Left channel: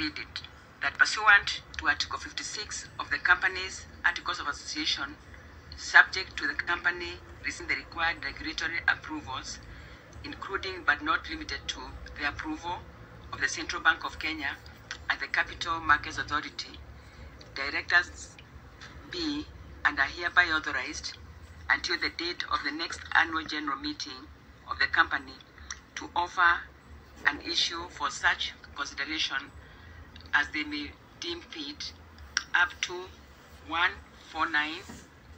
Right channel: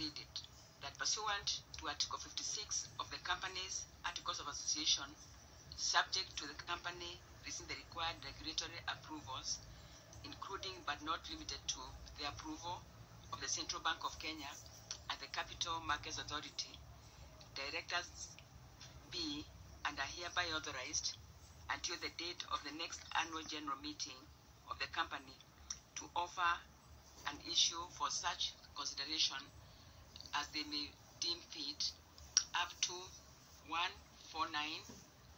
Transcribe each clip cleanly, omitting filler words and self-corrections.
read it. That pursuant to Article 56 of the Companies Articles of Association, subject to the company receiving the required regulatory approvals, including but not limited to the approval of the Central Bank of Kenya and the Capital Markets Authority, directors be and are hereby authorized until the date of the next annual general meeting of the company to offer an issue for such consideration as they may deem fit, up to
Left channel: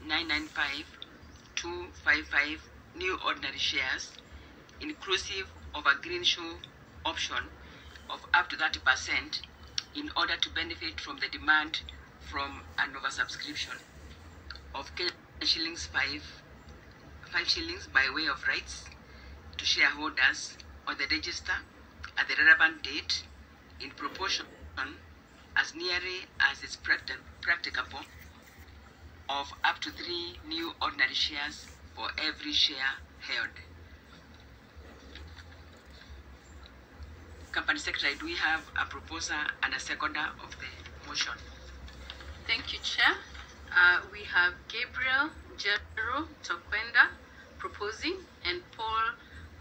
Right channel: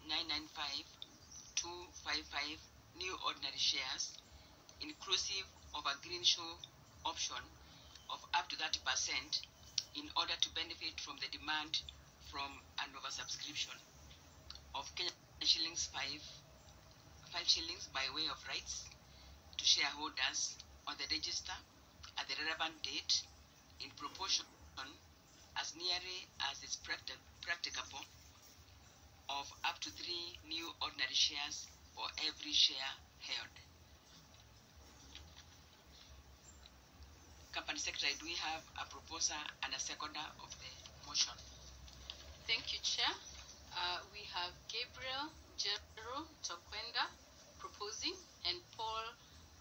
149,995,255 new ordinary shares, inclusive of a greenshoe option of up to 30%, in order to benefit from the demand from an oversubscription of shillings 5 shillings by way of rights to shareholders on the register at the relevant date, in proportion as nearly as is practicable, of up to 3 new ordinary shares for every share held. Company Secretary, do we have a proposer and a seconder of the motion? Thank you, Chair. We have Gabriel Jero Tokwenda proposing and Paul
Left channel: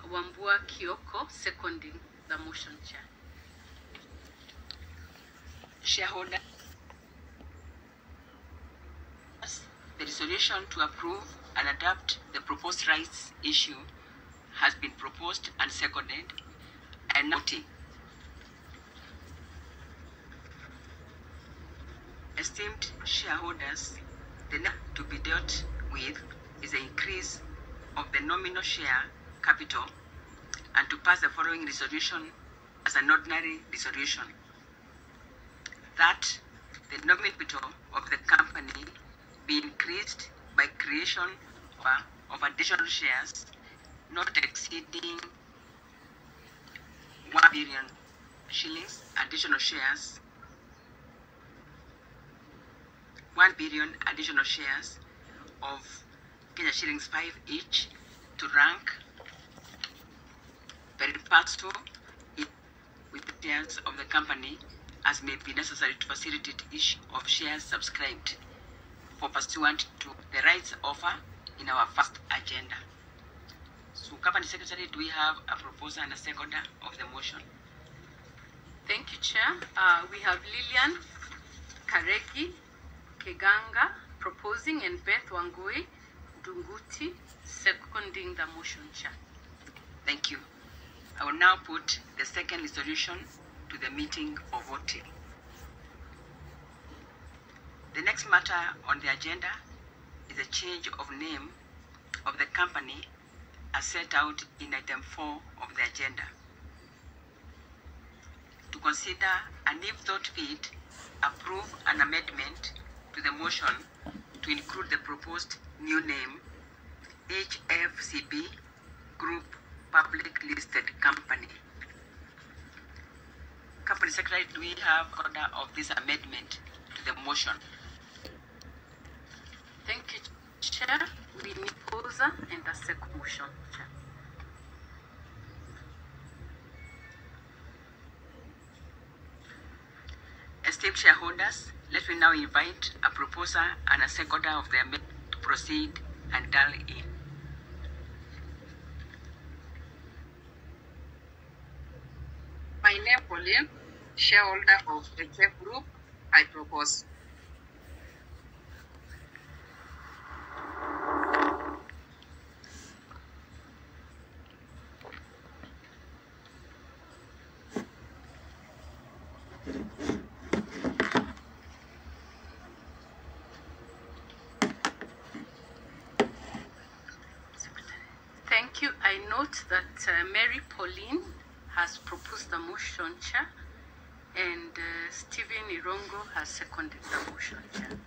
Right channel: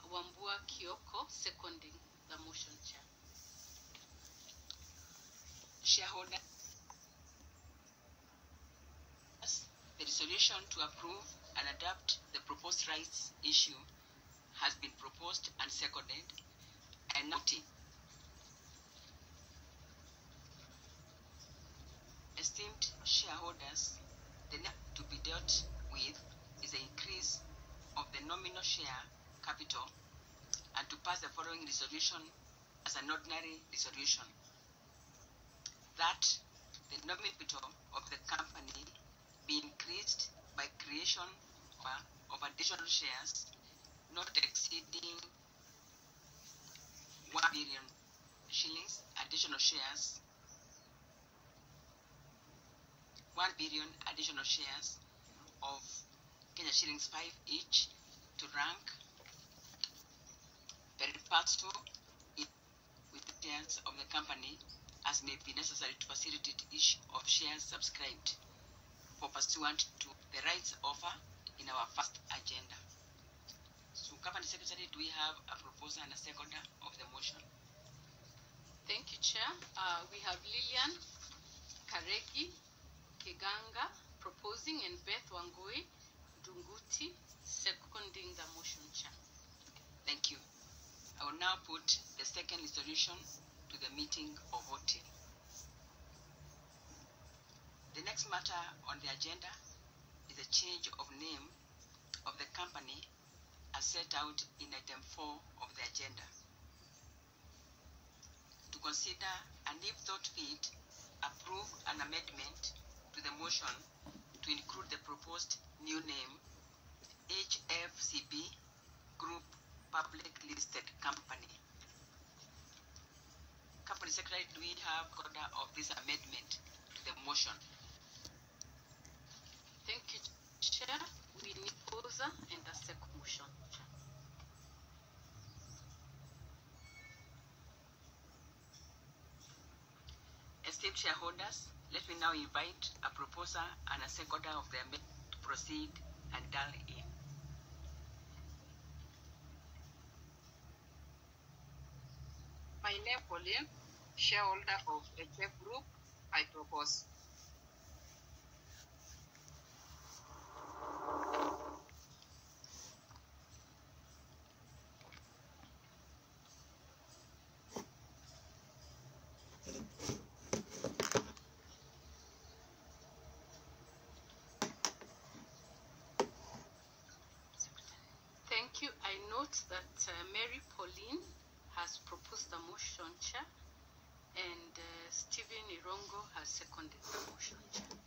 Wambua Kioko seconding the motion, Chair. Shareholder, the resolution to approve and adopt the proposed rights issue has been proposed and seconded, and noting. Esteemed shareholders, the net to be dealt with is the increase of the nominal share capital, and to pass the following resolution as an ordinary resolution: that the nominal capital of the company be increased by creation of additional shares not exceeding 1 billion shillings, additional shares, 1 billion additional shares of Kenya shillings 5 each, to rank pari passu with the shares of the company as may be necessary to facilitate issue of shares subscribed for pursuant to the rights offer in our first agenda. So, Company Secretary, do we have a proposer and a seconder of the motion? Thank you, Chair. We have Lillian Karegi Keganga proposing and Beth Wangui Dunguti seconding the motion, Chair. Thank you. I will now put the second resolution to the meeting for voting. The next matter on the agenda is a change of name of the company as set out in item 4 of the agenda. To consider and if thought fit, approve an amendment to the motion to include the proposed new name HFCB Group Public Listed Company. Company Secretary, do we have order of this amendment to the motion? Thank you, Chair. We need proposer and a second motion, Chair. Esteemed shareholders, let me now invite a proposer and a seconder of the amendment to proceed and dial in. My name is Pauline, shareholder of the HF Group. I propose. Thank you. I note that Mary Pauline has proposed the motion, Chair, and Stephen Irongo has seconded the motion, Chair.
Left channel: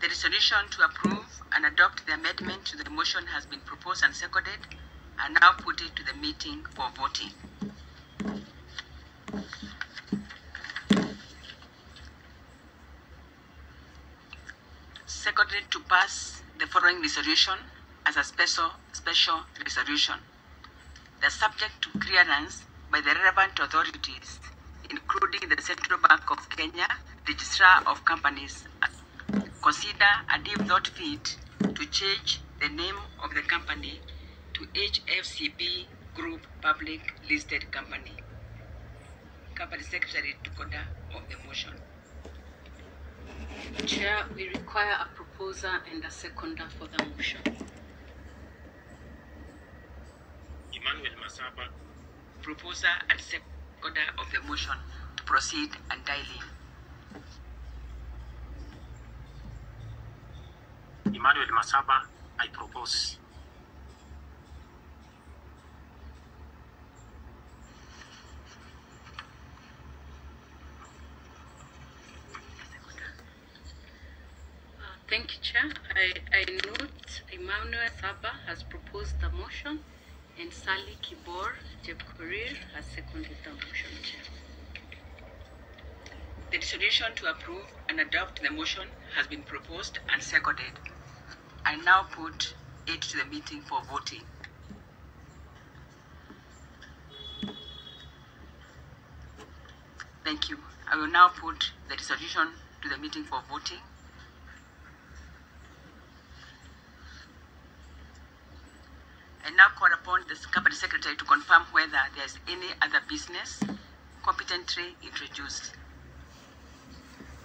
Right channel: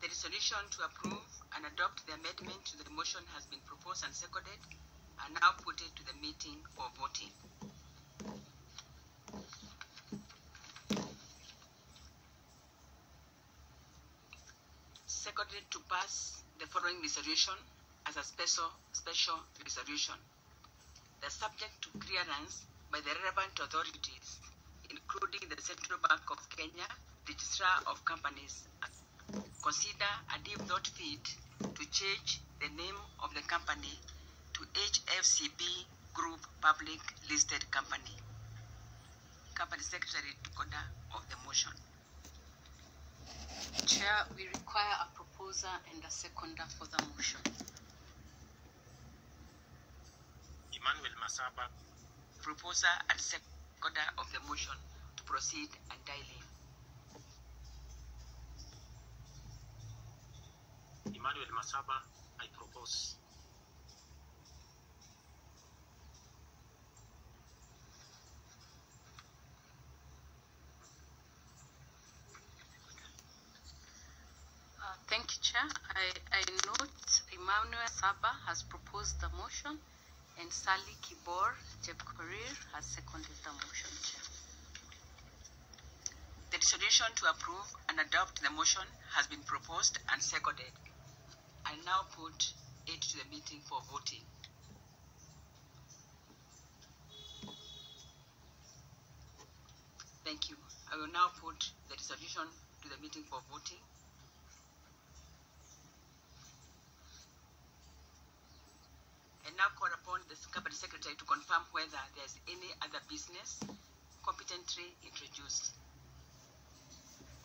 The resolution to approve and adopt the amendment to the motion has been proposed and seconded, and now put it to the meeting for voting. Seconded to pass the following resolution as a special resolution. The subject to clearance by the relevant authorities, including the Central Bank of Kenya, Registrar of Companies, consider and if thought fit to change the name of the company to HFCB Group Public Listed Company. Company Secretary took order of the motion. Chair, we require a proposer and a seconder for the motion. Emmanuel Masaba. Proposer and seconder of the motion to proceed and dial in. Emmanuel Masaba, I propose. Thank you, Chair. I note Emmanuel Saba has proposed the motion and Sally Kibor Jebkorir has seconded the motion, Chair. The resolution to approve and adopt the motion has been proposed and seconded. I now put it to the meeting for voting. Thank you. I will now put the resolution to the meeting for voting. I now call upon the Company Secretary to confirm whether there is any other business competently introduced.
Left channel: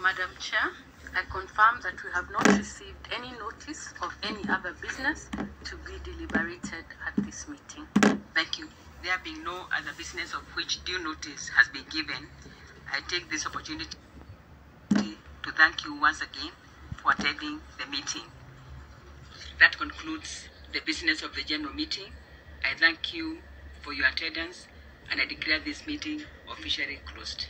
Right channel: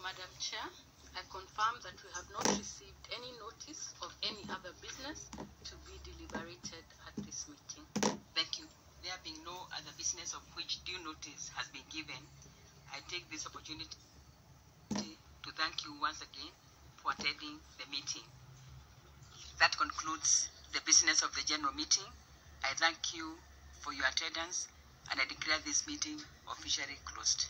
Madam Chair, I confirm that we have not received any notice of any other business to be deliberated at this meeting. Thank you. There being no other business of which due notice has been given, I take this opportunity to thank you once again for attending the meeting. That concludes the business of the general meeting. I thank you for your attendance and I declare this meeting officially closed.